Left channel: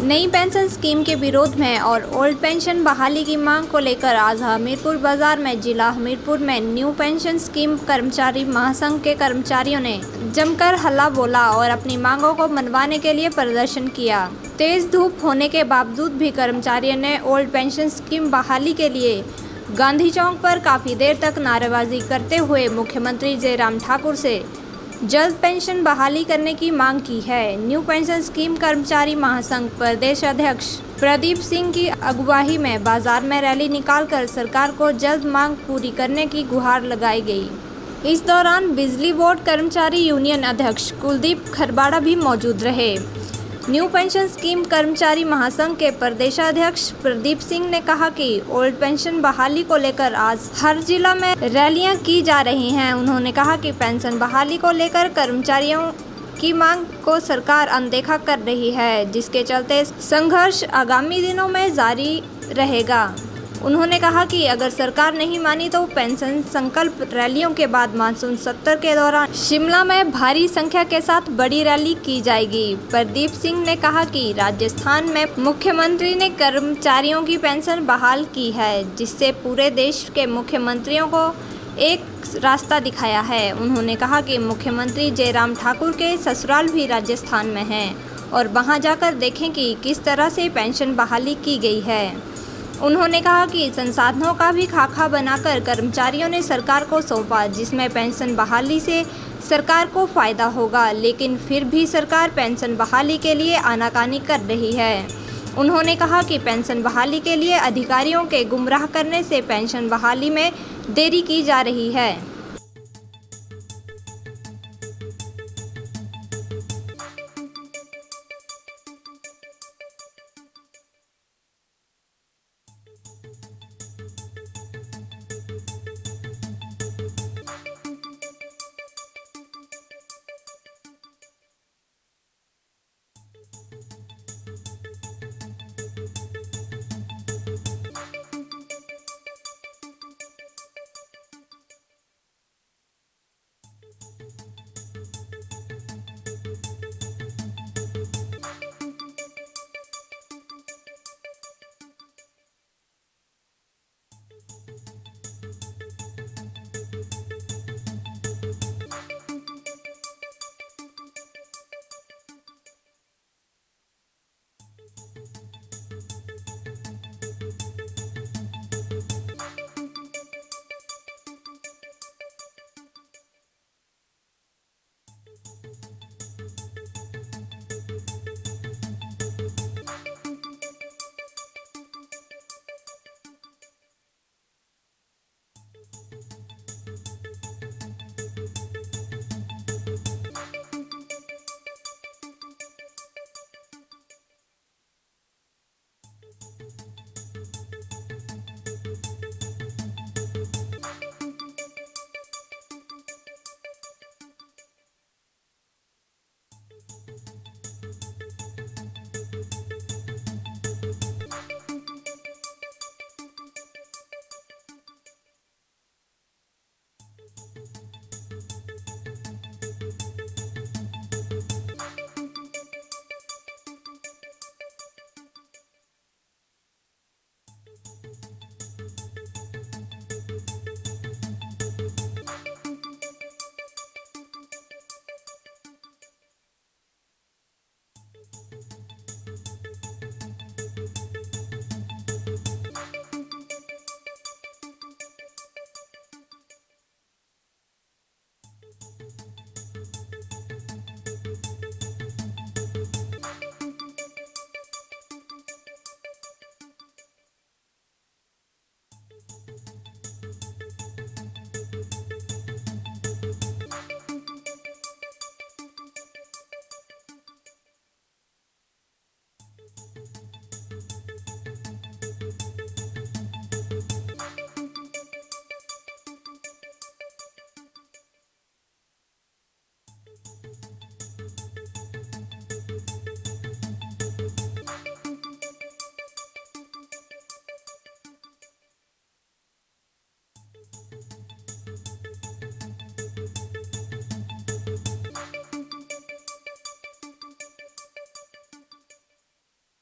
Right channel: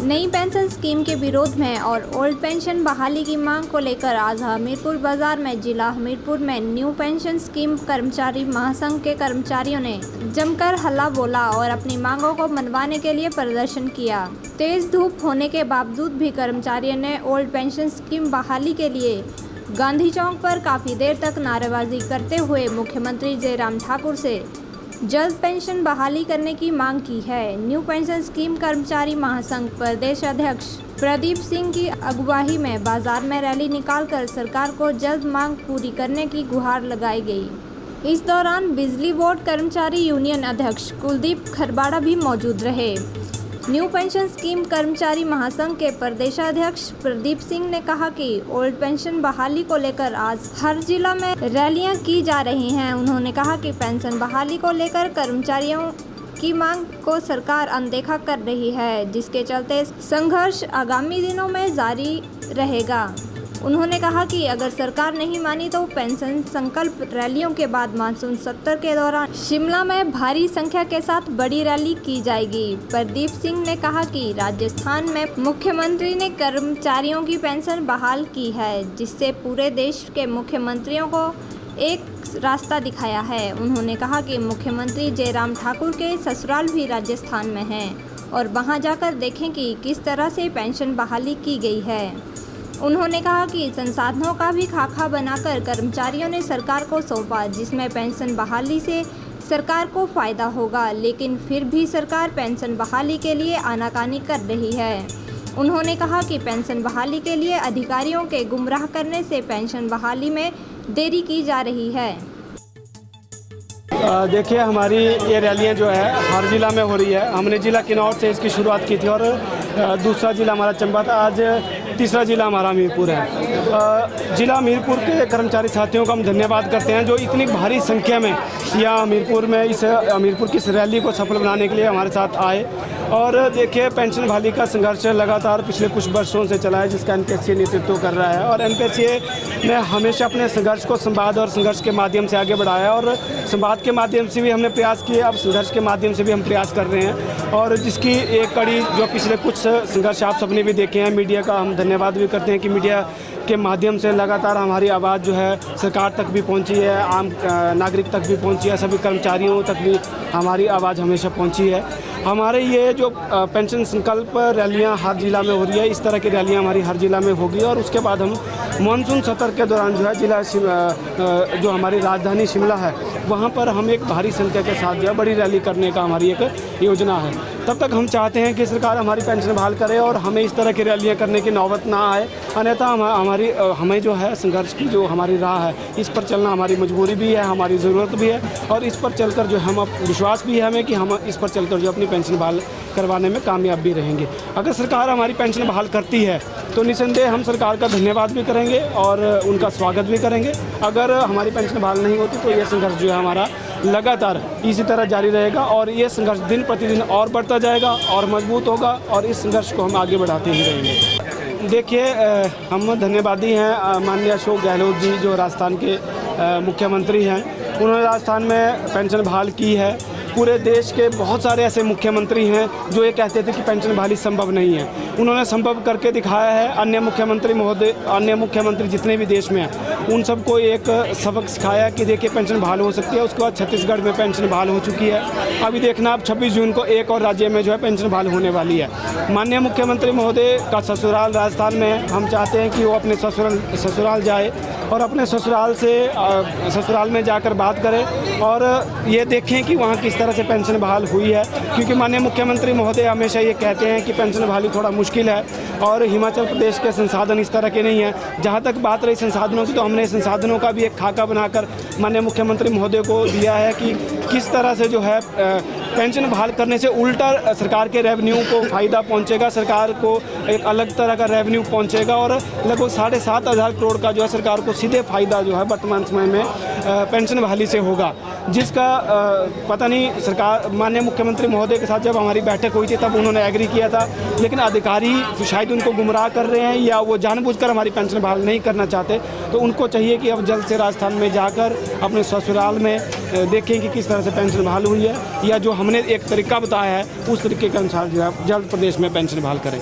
नई pension scheme के विरोध में और ओल्ड पेंशन बहाली की मांग को लेकर आज हमीरपुर बाजार में जिला हमीरपुर में न्यू पेंशन स्कीम कर्मचारी महासंघ के कर्मचारियों ने जमकर हल्ला बोला और अपनी मांगों को मनवाने के लिए प्रदर्शन किया। तेज धूप होने के बावजूद भी कर्मचारियों ने ओल्ड पेंशन स्कीम बहाली के लिए गांधी चौक पर काफी देर तक नारेबाजी करते हुए मुख्यमंत्री जयराम ठाकुर से जल्द पेंशन बहाली करने की मांग की है। न्यू पेंशन स्कीम कर्मचारी महासंघ प्रदेश अध्यक्ष प्रदीप सिंह की अगुवाई में बाजार में रैली निकालकर सरकार को जल्द मांग पूरी करने की गुहार लगाई गई। इस दौरान बिजली बोर्ड कर्मचारी यूनियन अध्यक्ष कुलदीप खरबाड़ा भी मौजूद रहे। न्यू पेंशन स्कीम कर्मचारी महासंघ के प्रदेशाध्यक्ष प्रदीप सिंह ने कहा कि ओल्ड पेंशन बहाली को लेकर आज हर जिला में रैलियां की जा रही हैं। उन्होंने कहा कि पेंशन बहाली को लेकर कर्मचारियों की मांग को सरकार अनदेखा कर रही है, जिसके चलते संघर्ष आगामी दिनों में जारी रहेगा। उन्होंने कहा कि अगर सरकार नहीं मानी तो पेंशन संकल्प रैलियों के बाद मानसून सत्र के दौरान शिमला में भारी संख्या के साथ बड़ी रैली की जाएगी। प्रदीप सिंह ने कहा कि राजस्थान में मुख्यमंत्री ने कर्मचारियों की पेंशन बहाल की है, जिससे पूरे देश के मुख्यमंत्रियों को एक रास्ता दिखाया है। उन्होंने कहा कि मुख्यमंत्री जयराम ठाकुर के ससुराल भी राजस्थान में हैं और वहां जाकर देखें कि किस तरह से पेंशन बहाली की गई है। उन्होंने कहा कि संसाधनों का भी खाका बनाकर कर्मचारियों ने सरकार को सौंपा, जिसमें पेंशन बहाली से सरकार को फ़ायदा होगा, लेकिन फिर भी सरकार पेंशन बहाली के लिए आनाकानी कर रही है। उन्होंने कहा कि पेंशन बहाली के लिए अधिकारियों के गुमराह करने से पेंशन बहाली में देरी की जा रही है। देखिए, हमारी ये रैलियाँ जो है हर ज़िला में हो रही है। हमने ज़िला किन्नौर से इसकी शुरुआत की थी और दूसरा ज़िला हमारा चंबा था। आज तीसरा ज़िला हमारा हमीरपुर है। ज़िला हमीरपुर के कर्मचारी साथियों का हम धन्यवाद करते हैं जो इतनी भारी संख्या में यहाँ हमीरपुर में इस हमीरपुर की इस रैली को सफल बनाने के लिए हमारे साथ आए। और देखिए, पेंशन बहाली का संघर्ष लगातार पिछले कुछ वर्षों से चला है, जिसका एनपीएससी नेतृत्व कर रहा है। और एनपीएससी ने हमेशा अपने संघर्ष को संवाद और संघर्ष के माध्यम से आगे बढ़ाया और संवाद के माध्यम से भी हमने प्रयास किए, अब संघर्ष के माध्यम से भी हम प्रयास कर रहे हैं। और जिसकी एक कड़ी जो पिछले कुछ संघर्ष आप सबने भी देखे हैं, मीडिया का हम धन्यवाद भी करते हैं कि मीडिया के माध्यम से लगातार हमारी आवाज़ जो है सरकार तक भी पहुंची है, आम नागरिक तक भी पहुंची है, सभी कर्मचारियों तक भी हमारी आवाज़ हमेशा पहुंची है। हमारे ये जो पेंशन संकल्प रैलियां हर ज़िला में हो रही है, इस तरह की रैलियां हमारी हर ज़िला में होगी। और उसके बाद हम मानसून सत्र के दौरान जो है ज़िला जो हमारी राजधानी शिमला है वहाँ पर हम एक भारी संख्या के साथ जो है बड़ी रैली करने का हमारी एक योजना है। तब तक हम चाहते हैं कि सरकार हमारी पेंशन बहाल करे और हमें इस तरह की रैलियाँ करने की नौबत ना आए, अन्यथा हमें जो है संघर्ष की जो हमारी राह है इस पर चलना हमारी मजबूरी भी है, हमारी ज़रूरत भी है। और इस पर चलकर जो हम विश्वास भी है हमें कि हम इस पर चलकर जो अपनी पेंशन बहाल करवाने में कामयाब भी रहेंगे। अगर सरकार हमारी पेंशन बहाल करती है तो निसंदेह हम सरकार का धन्यवाद भी करेंगे और उनका स्वागत भी करेंगे। अगर हमारी पेंशन बहाल नहीं होती तो ये संघर्ष जो है हमारा लगातार इसी तरह जारी रहेगा और ये संघर्ष दिन प्रतिदिन और बढ़ता जाएगा और मजबूत होगा और इस संघर्ष को हम आगे बढ़ाते ही रहेंगे। देखिए, हम धन्यवादी हैं माननीय अशोक गहलोत जी जो राजस्थान के मुख्यमंत्री हैं। उन्होंने राजस्थान में पेंशन बहाल की है। पूरे देश के बहुत सारे ऐसे मुख्यमंत्री हैं जो ये कहते थे कि पेंशन बहाली संभव नहीं है, उन्होंने संभव करके दिखाया है। अन्य मुख्यमंत्री जितने भी देश में हैं उन सबको एक सबक सिखाया कि देखिए पेंशन बहाल हो सकती है। उसके बाद छत्तीसगढ़ में पेंशन बहाल हो चुकी है। अभी देखना आप 26 जून को एक और राज्य में जो है पेंशन बहाल होने वाली है। माननीय मुख्यमंत्री महोदय का ससुराल राजस्थान में, हम चाहते हैं कि वो अपने ससुराल जाए और अपने ससुराल में जाकर बात करें और ये देखें कि वहाँ किस तरह से पेंशन बहाल हुई है। क्योंकि माननीय मुख्यमंत्री महोदय हमेशा ये कहते हैं कि पेंशन बहाली थोड़ा मुश्किल है और हिमाचल प्रदेश के संसाधन इस तरह के नहीं हैं। जहाँ तक बात रही संसाधनों की, तो हमने संसाधनों का भी एक खाका बनाकर माननीय मुख्यमंत्री महोदय को दिया है कि किस तरह से जो है पेंशन बहाल करने से उल्टा सरकार के रेवेन्यू को फ़ायदा पहुँचेगा, सरकार को एक अलग तरह का रेवेन्यू पहुँचेगा और लगभग 7,500 करोड़ का जो है सरकार को सीधे फ़ायदा जो है वर्तमान समय में पेंशन बहाली से होगा। जिसका पता नहीं सरकार माननीय मुख्यमंत्री महोदय के साथ जब हमारी बैठक हुई थी तब उन्होंने एग्री किया था, लेकिन अधिकारी शायद उनको गुमराह कर रहे हैं या वो जानबूझकर हमारी पेंशन बहाल नहीं करना चाहते। तो उनको चाहिए कि अब जल्द से राजस्थान में जाकर अपने ससुराल में देखें कि किस तरह से पेंशन बहाल हुई है या जो हम हमने एक तरीका बताया है, उस तरीके के अनुसार जो है जल्द प्रदेश में पेंशन बहाल करें।